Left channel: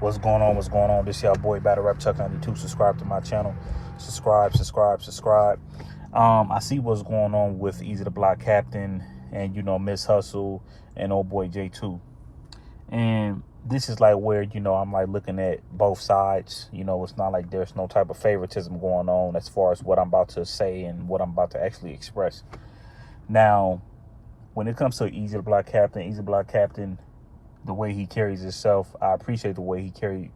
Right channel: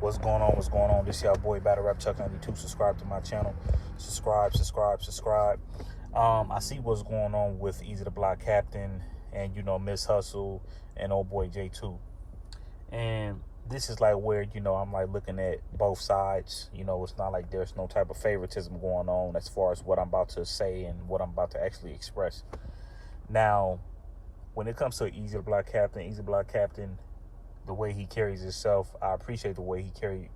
What's going on? What's going on? This your boy Battle Rap Chuck 92. Subscribe to my channel. Subscribe. I see what's going on with Eazy the Block Captain and Miss Hustle and old boy J2. And this is like where I'm like looking at both sides. It's not like there's no type of favoritism going on as far as what I'm about to say and what I'm about to actually express. Now, when it comes to Eazy the Block Captain, the way he carries himself, I appreciate the way he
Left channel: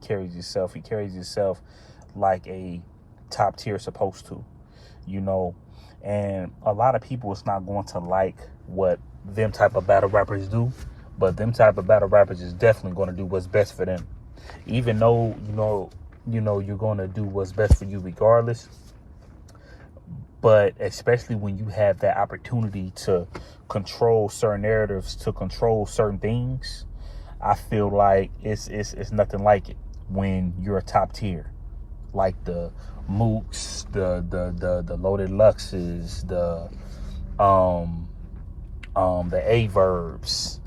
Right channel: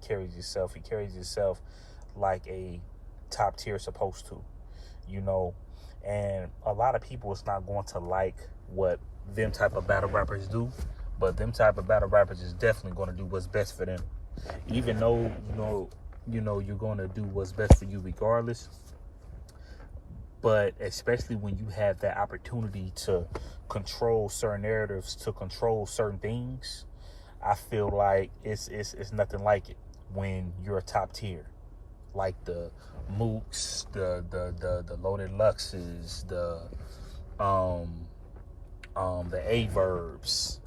carries himself. He carries himself like a top tier supposed to, and a lot of people is not going to like what them type of battle rappers do, but them type of battle rappers is definitely going to do what's best for them, even though you're going to do what's best for you regardless. But especially when you have that opportunity to control certain narratives, to control certain things, I feel like it's nothing like it when you're a top tier, like the Mooks, the Loaded Luxes, the A-Verbs,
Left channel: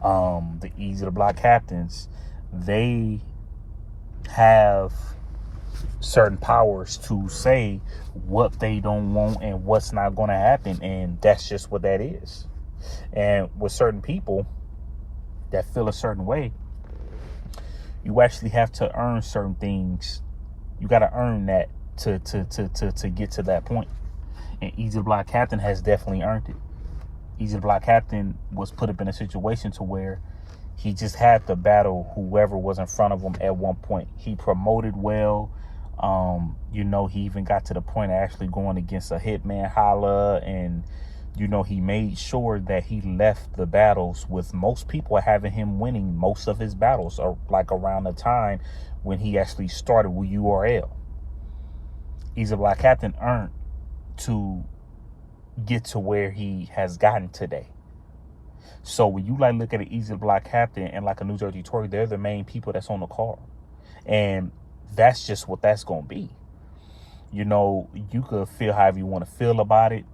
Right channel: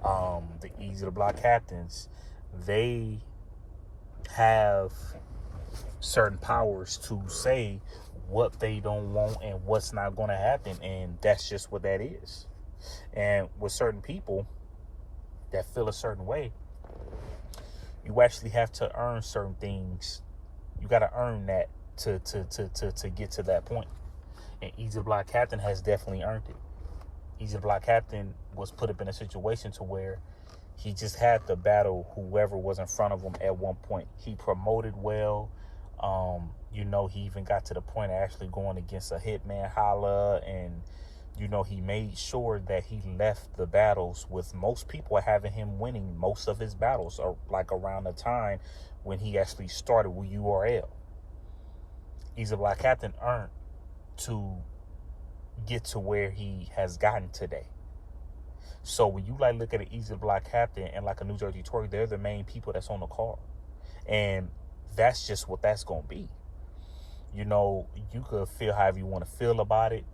the Eazy the Block Captains. They have certain powers to say what they don't want and what's not going to happen, and that's just what that is. And with certain people that feel a certain way, you actually have to earn certain things. You got to earn that to get to that point. And Eazy the Block Captain has definitely earned it. Eazy the Block Captain was put up in a situation to where he just had to battle whoever was in front of him at one point. He promoted well. He even got to the point of actually going against a Hitman Holla, and he made sure that he left the battles with most people having him winning most of his battles, or like around the time when he actually started with URL. Eazy the Block Captain earned to get to where he has gotten today. So when you like look at an Eazy the Block Captain and like a New Jersey Tory, they're the main people that's on the card. And that's just what that's going to be. You could feel however you want to feel about it.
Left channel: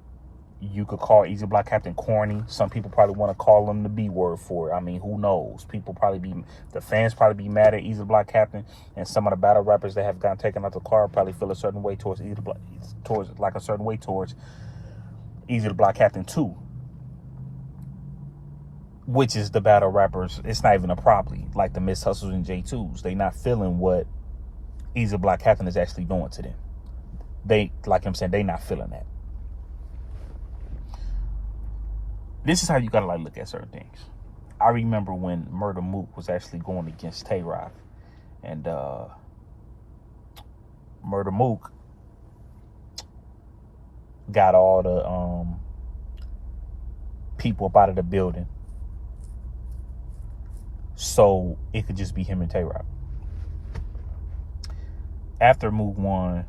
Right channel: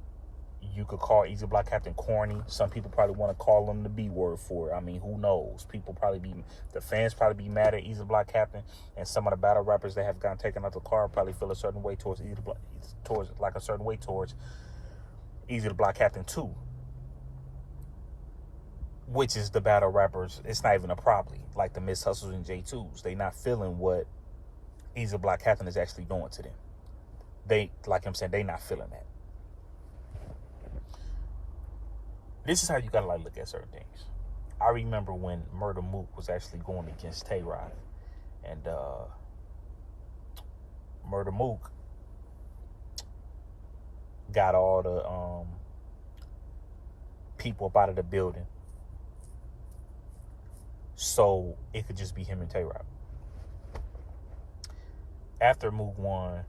You could call Eazy the Block Captain corny. Some people probably want to call him the B word for it. I mean, who knows? The fans probably be mad at Eazy the Block Captain, and some of the battle rappers that have gotten taken out the car probably feel a certain way towards Eazy the Block, towards Eazy the Block Captain too. Which is the battle rappers, it's not even a probably, like the Miss Hustles and J2s. They not feeling what Eazy the Block Captain is actually doing to them. They not feeling that. This is how you gotta look at certain things. I remember when Murder Mook was actually going against Tay Rock, and Murder Mook got all the people up out of the building, so it could just be him and Tay Rock. After Mook won,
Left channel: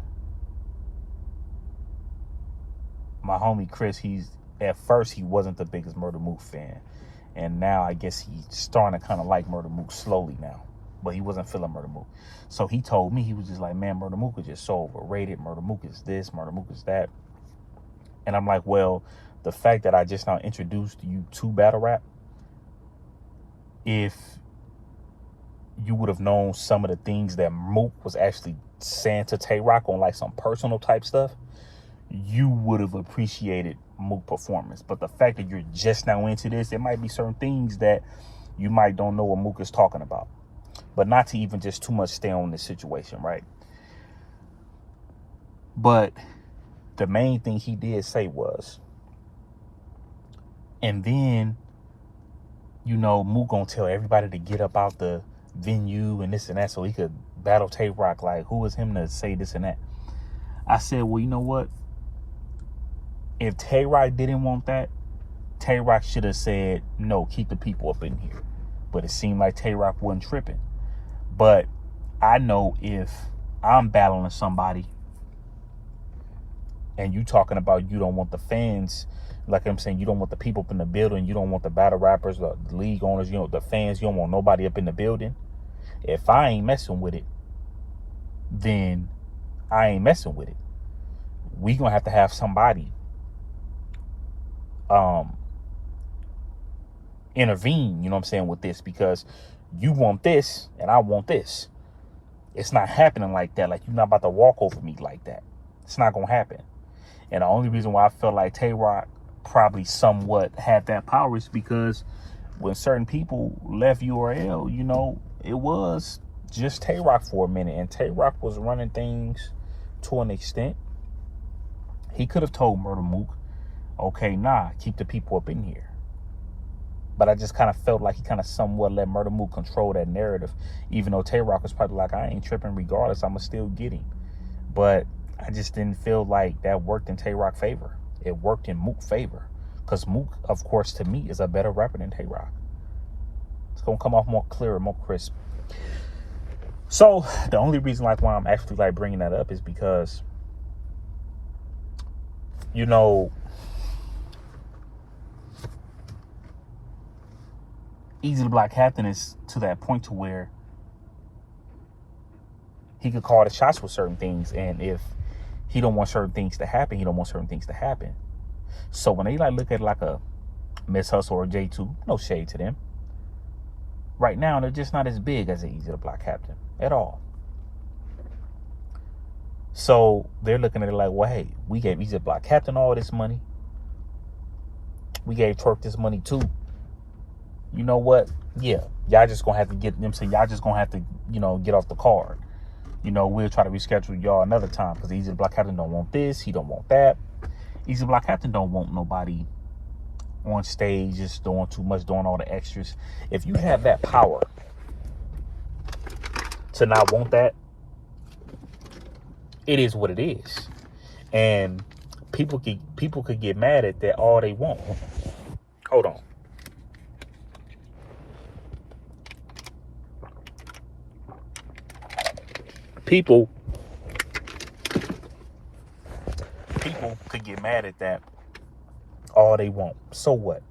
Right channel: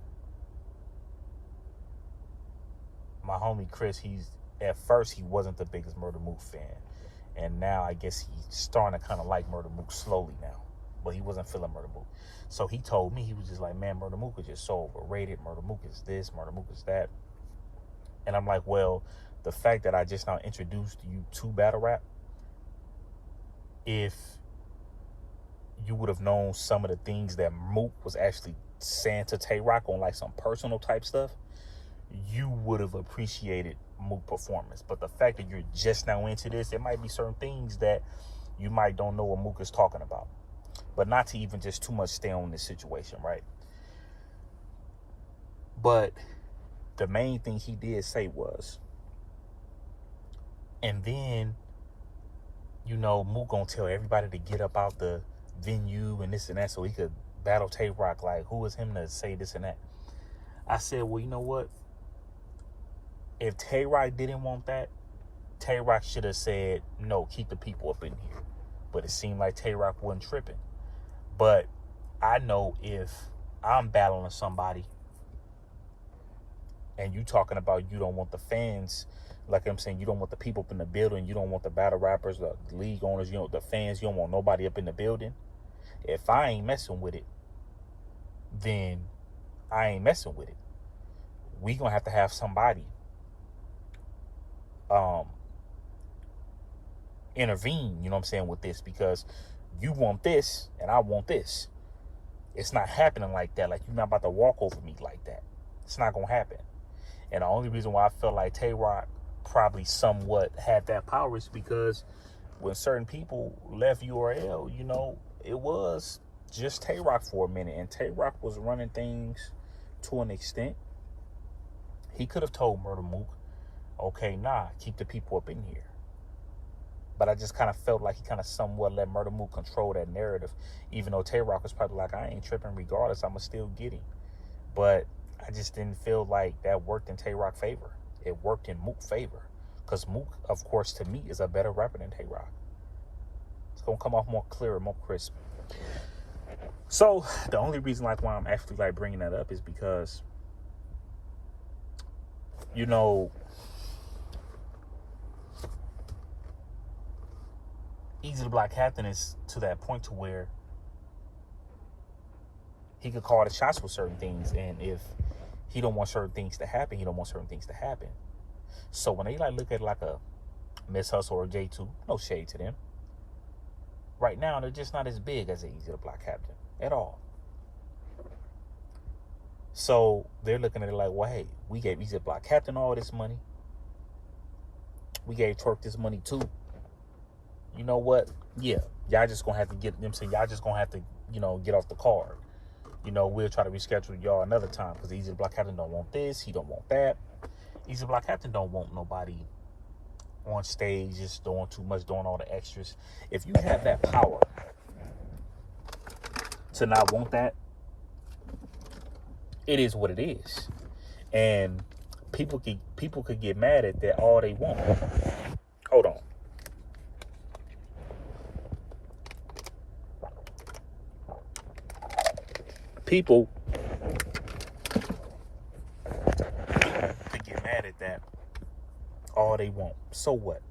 my homie Chris, at first he wasn't the biggest Murder Mook fan, and now I guess he's starting to kind of like Murder Mook slowly now, but he wasn't feeling Murder Mook. So he told me, he was just like, man, Murder Mook is just so overrated. Murder Mook is this, Murder Mook is that. And I'm like, well, the fact that I just now introduced you to battle rap, if you would have known some of the things that Mook was actually saying to Tay Rock on like some personal type stuff, you would have appreciated Mook performance. But the fact that you're just now into this, it might be certain things that you might don't know what Mook is talking about. But not to even just too much stay on this situation, right? But the main thing he did say was, and then Mook gonna tell everybody to get up out the venue and this and that so he could battle Tay Rock. Like, who is him to say this and that? I said, well, you know what? If Tay Rock didn't want that, Tay Rock should have said, no, keep the people up in here. But it seemed like Tay Rock wasn't tripping. But I know if I'm battling somebody and you talking about you don't want the fans, like I'm saying, you don't want the people up in the building, you don't want the battle rappers, the league owners, the fans, you don't want nobody up in the building. If I ain't messing with it, then I ain't messing with it. We gonna have to have somebody intervene, with this, because you want this and I want this. It's not happening like that. Like, you're not about to walk over me like that. It's not going to happen. And the only reason why I felt like Tay-Rock probably somewhat had that power is because when certain people left URL, you know, it was just Tay-Rock for a minute. And Tay-Rock was running things to an extent. He could have told Murder Mook, okay, nah, keep the people up in here. But I just kind of felt like he kind of somewhat let Murder Mook control that narrative. Even though Tay-Rock was probably like, I ain't tripping regardless, I'ma still get him. But I just didn't feel like that worked in Tay-Rock's favor. It worked in Mook's favor. Because Mook, of course, to me, is a better rapper than Tay-Rock. It's going to come off more clear, more crisp. So, the only reason like why I'm actually like bringing that up is because, you know, Eazy the Black Captain is to that point to where he could call the shots with certain things. And if he don't want certain things to happen, he don't want certain things to happen. So when they like look at like a Miss Hustle or J2, no shade to them. Right now, they're just not as big as Eazy the Black Captain at all. So they're looking at it like, well, hey, we gave Eazy the Black Captain all this money. We gave Twerk this money too. You know what? Yeah, y'all just gonna have to get them. So y'all just gonna have to, you know, get off the card. You know, we'll try to reschedule y'all another time because Eazy the Black Captain don't want this. He don't want that. Eazy the Black Captain don't want nobody on stage just doing too much, doing all the extras. If you have that power to not want that, it is what it is. And people could get mad at that all they want. Hold on. People could get mad at that all they want. So what?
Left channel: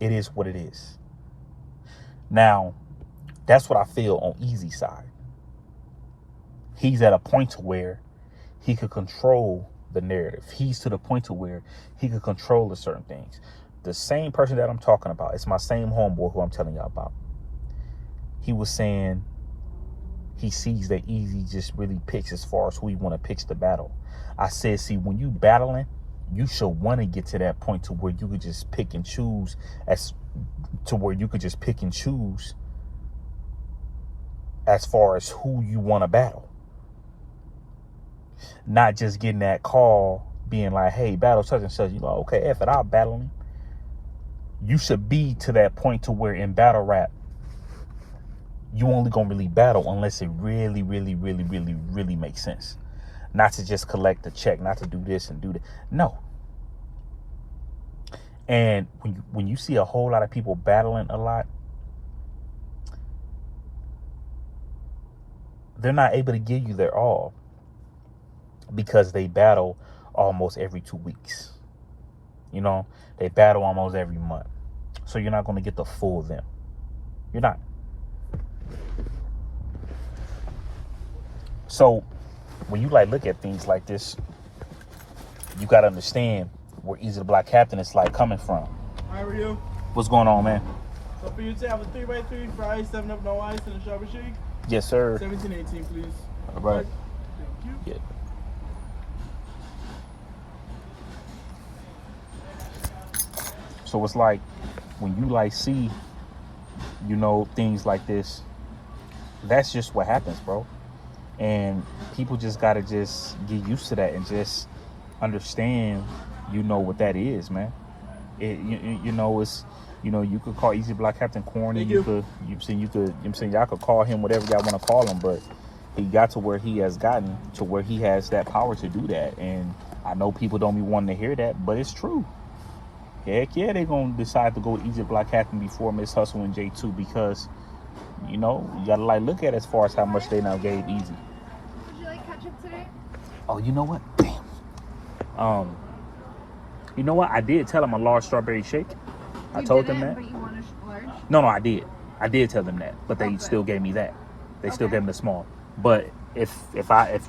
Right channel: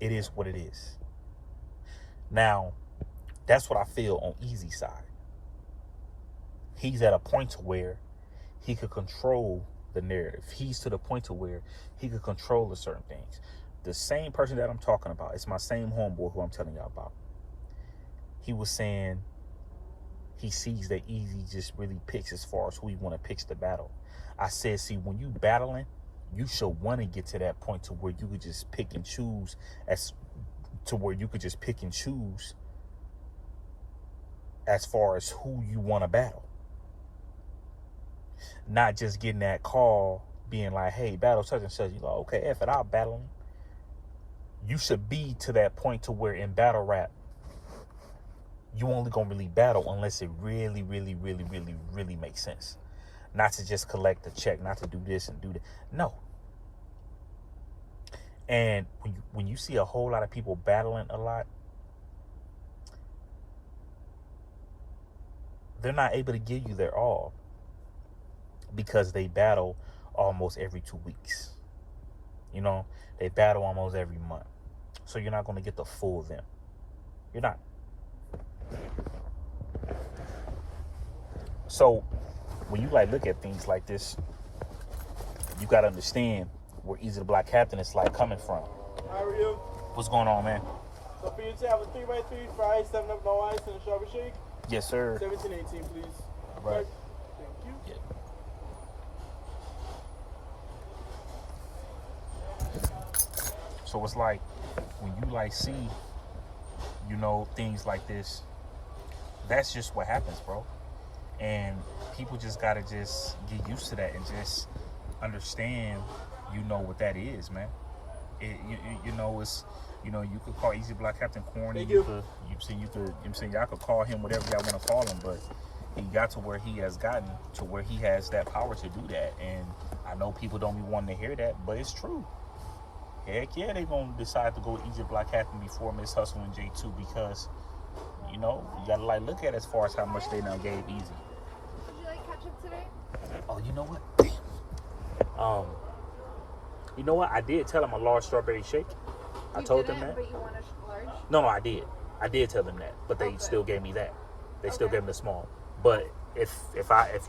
It is what it is. Now, that's what I feel on Eazy's side. He's at a point to where he could control the narrative. He's to the point to where he could control the certain things. The same person that I'm talking about, it's my same homeboy who I'm telling y'all about. He was saying he sees that Eazy just really picks as far as who he want to pitch the battle. I said, see, when you battling, you should want to get to that point to where you could just pick and choose as far as who you want to battle. Not just getting that call being like, hey, battle such and such. You know, okay, F it, I'll battle him. You should be to that point to where in battle rap, you only gonna really battle unless it really, really, really, really, really makes sense. Not to just collect the check, not to do this and do that. No. And when you see a whole lot of people battling a lot, they're not able to give you their all because they battle almost every 2 weeks. You know, they battle almost every month. So you're not going to get the full of them. You're not. So when you like look at things like this, you got to understand where Eazy the Black Captain is like coming from. How are you? What's going on, man? So for you to have a 3x3, fries, 7 up, no ice, and a strawberry shake? Yes, sir. 1718, please. All right. Thank you. Yeah. So it's like when you like see, you know, things like this, that's just what happens, bro. And people just gotta just get used to that and just understand, you know, what that is, man. You know, it's, you know, you could call Eazy Black Captain corny. You could y'all could call him whatever y'all want to call him, but he got to where he has gotten to where he has that power to do that. And I know people don't be wanting to hear that, but it's true. Heck yeah, they gonna decide to go with Eazy Black Captain before Miss Hustle and J2 because, you know, you gotta like look at it as far as how much they now gave Eazy. Would you like ketchup today? Oh, you know what? Damn. You know what? I did tell him a large strawberry shake. I told them that. But you want a large? No, I did. I did tell them that, but they still gave me that. They still gave me the small. But if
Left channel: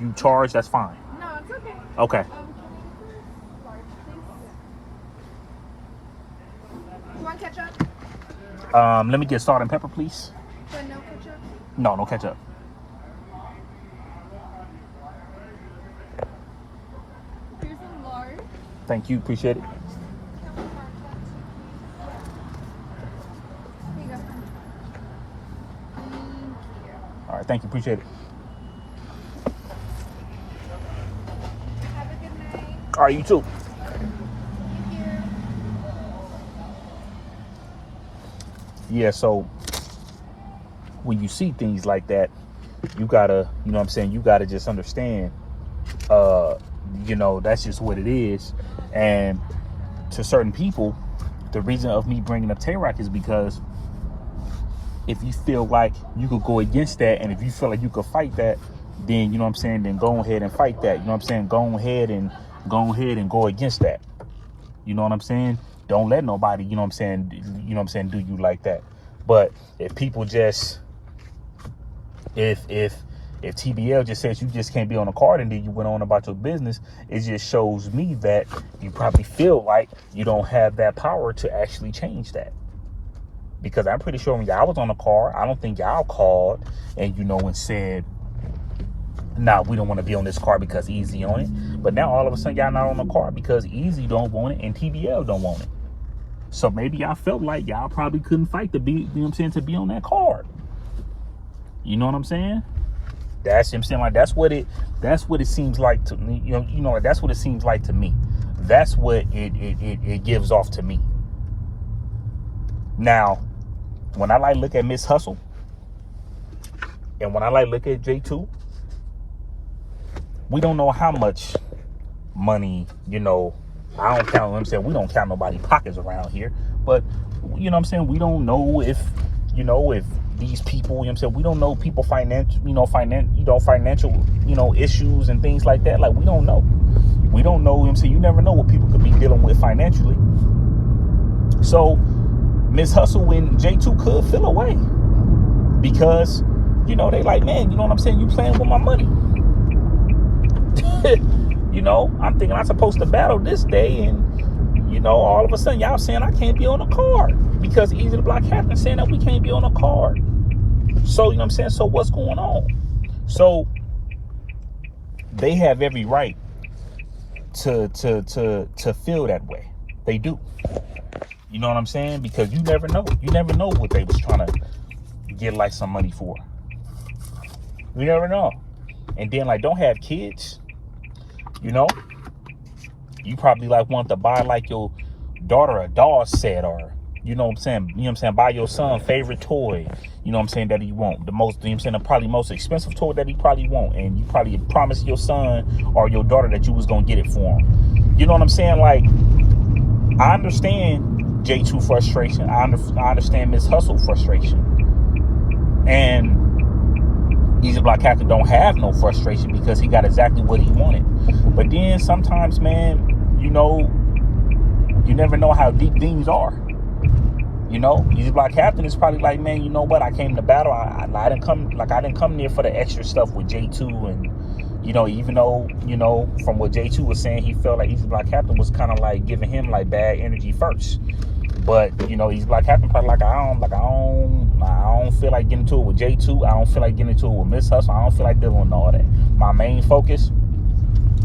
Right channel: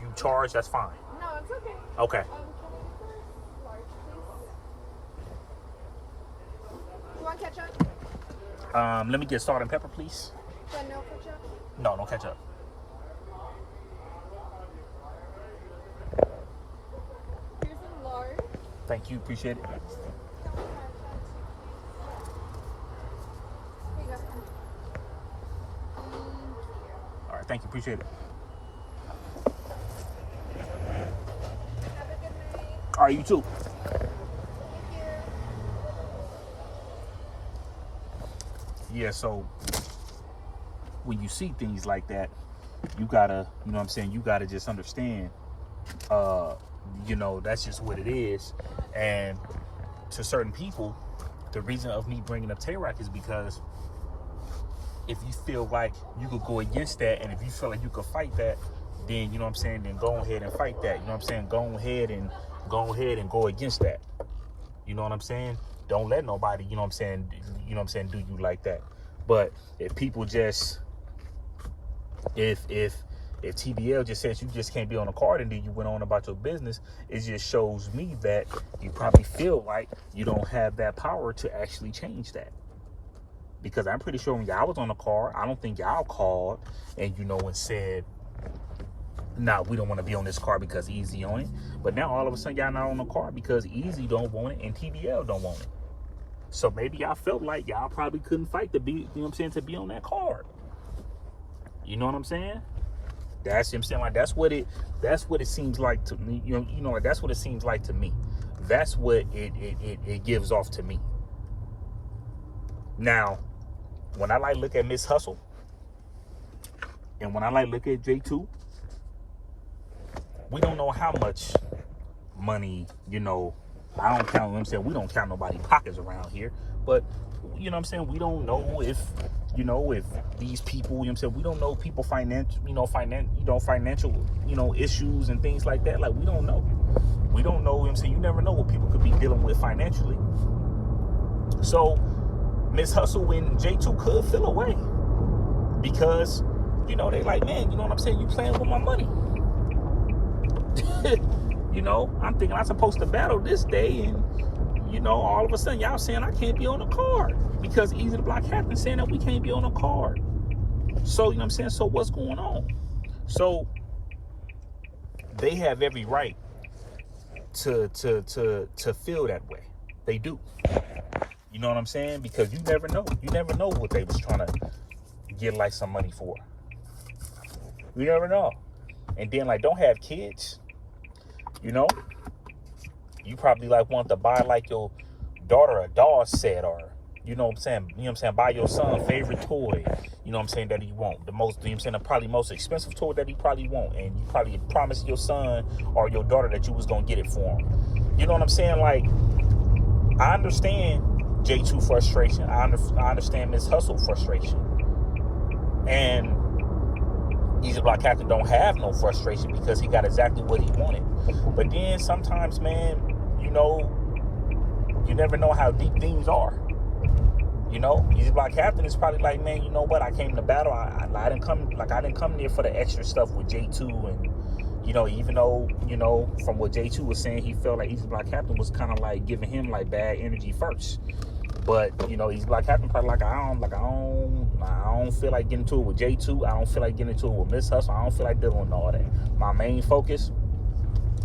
you charge, that's fine. No, it's okay. Okay. Can I get large, please? You want ketchup? Let me get salt and pepper, please. But no ketchup? No ketchup. Thank you. Appreciate it. Here you go. Thank you. All right. Thank you. Appreciate it. Have a good night. All right. You too. Thank you. Yeah. So when you see things like that, you gotta, you know what I'm saying? You gotta just understand, that's just what it is. And to certain people, the reason of me bringing up Tay-Rock is because if you feel like you could go against that, and if you feel like you could fight that, then, you know what I'm saying, then go ahead and fight that. You know what I'm saying? Go ahead and go against that. You know what I'm saying? Don't let nobody, you know what I'm saying, do you like that. But if people just, if TBL just says you just can't be on a card and then you went on about your business, it just shows me that you probably feel like you don't have that power to actually change that. Because I'm pretty sure when y'all was on the card, I don't think y'all called and, and said, nah, we don't want to be on this card because Eazy on it. But now all of a sudden y'all not on the card because Eazy don't want it and TBL don't want it. So maybe y'all felt like y'all probably couldn't fight to be, you know what I'm saying, to be on that card. You know what I'm saying? That's him saying, like, that's what it seems like to me. That's what it seems like to me. That's what it gives off to me. Now, when I like look at Miss Hustle and when I like look at J2, we don't know how much money, I don't count, I'm saying we don't count nobody's pockets around here, but you know what I'm saying, we don't know if these people, you know what I'm saying, we don't know people financial, issues and things like that. Like, we don't know, you know what I'm saying, you never know what people could be dealing with financially. So Miss Hustle and J2 could feel away because, they like, man, you know what I'm saying, you playing with my money. I'm thinking I'm supposed to battle this day, and all of a sudden y'all saying I can't be on a card because Eazy the Block Captain saying that we can't be on a card. So, you know what I'm saying? So what's going on? So they have every right to feel that way. They do. You know what I'm saying? Because you never know. You never know what they was trying to get like some money for. You never know. And then like, don't have kids. You probably like want to buy like your daughter a doll set, or buy your son favorite toy, that he want. The most, probably most expensive toy that he probably want, and you probably promised your son or your daughter that you was gonna get it for him. You know what I'm saying? Like, I understand J2 frustration. I understand Miss Hustle frustration. And Eazy Block Captain don't have no frustration because he got exactly what he wanted. But then sometimes, man, you never know how deep things are. Eazy Block Captain is probably like, man, you know what? I came to battle. I didn't come there for the extra stuff with J2, and even though from what J2 was saying, he felt like Eazy Block Captain was kind of like giving him like bad energy first. But Eazy Block Captain probably like, I don't feel like getting into it with J2. I don't feel like getting into it with Miss Hustle. I don't feel like dealing with all that. My main focus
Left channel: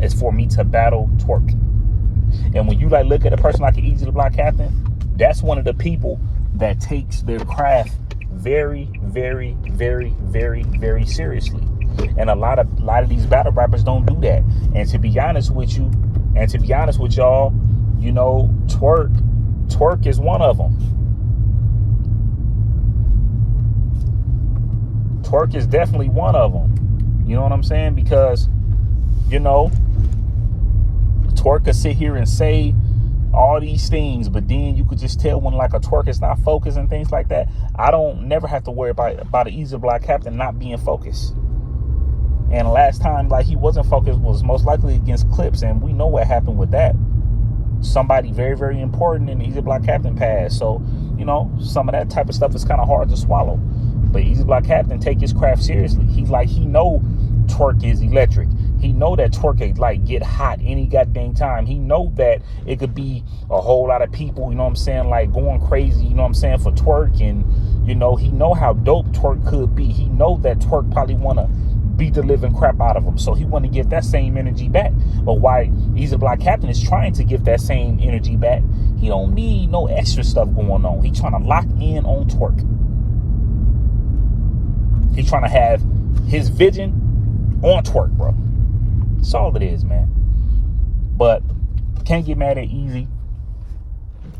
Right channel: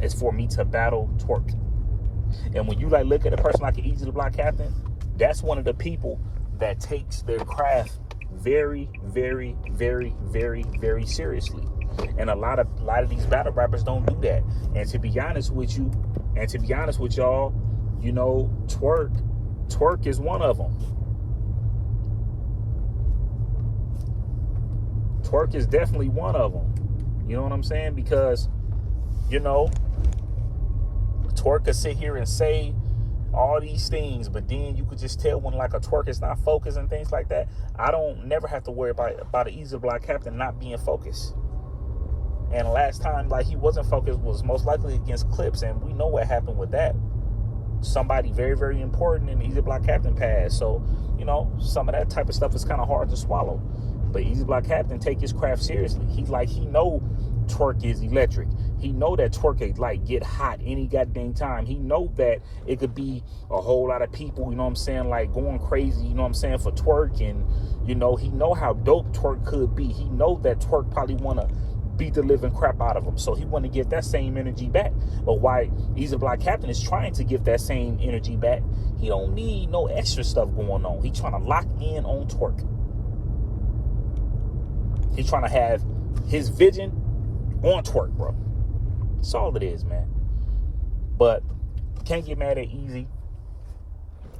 is for me to battle Twerk. And when you like look at a person like Eazy the Block Captain, that's one of the people that takes their craft very, very, very, very, very seriously. And a lot of these battle rappers don't do that. And to be honest with you, and to be honest with y'all, Twerk is one of them. Twerk is definitely one of them. You know what I'm saying? Because, Twerk could sit here and say all these things, but then you could just tell when like a Twerk is not focused and things like that. I don't never have to worry about an Eazy Block Captain not being focused. And last time like he wasn't focused was most likely against Clips, and we know what happened with that. Somebody very, very important in the Eazy Block Captain passed. So, some of that type of stuff is kind of hard to swallow. But Eazy Block Captain take his craft seriously. He know Twerk is electric. He know that Twerk can like get hot any goddamn time. He know that it could be a whole lot of people, like going crazy, for Twerk. And, he know how dope Twerk could be. He know that Twerk probably want to beat the living crap out of him. So he want to get that same energy back. But why Eazy the Black Captain is trying to give that same energy back, he don't need no extra stuff going on. He trying to lock in on twerk. He trying to have his vision on twerk, bro. That's all it is, man. But can't get mad at Eazy,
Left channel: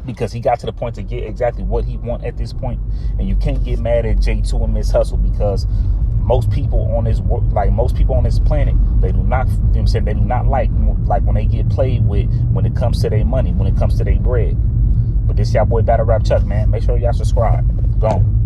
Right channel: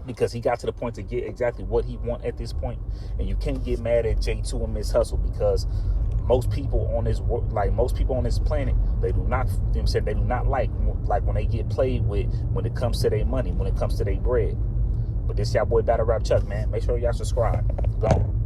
because he got to the point to get exactly what he want at this point. And you can't get mad at J2 and Miss Hustle, because most people on this planet, they do not, they do not like when they get played with when it comes to their money, when it comes to their bread. But this y'all boy Battle Rap Chuck, man. Make sure y'all subscribe. Go on.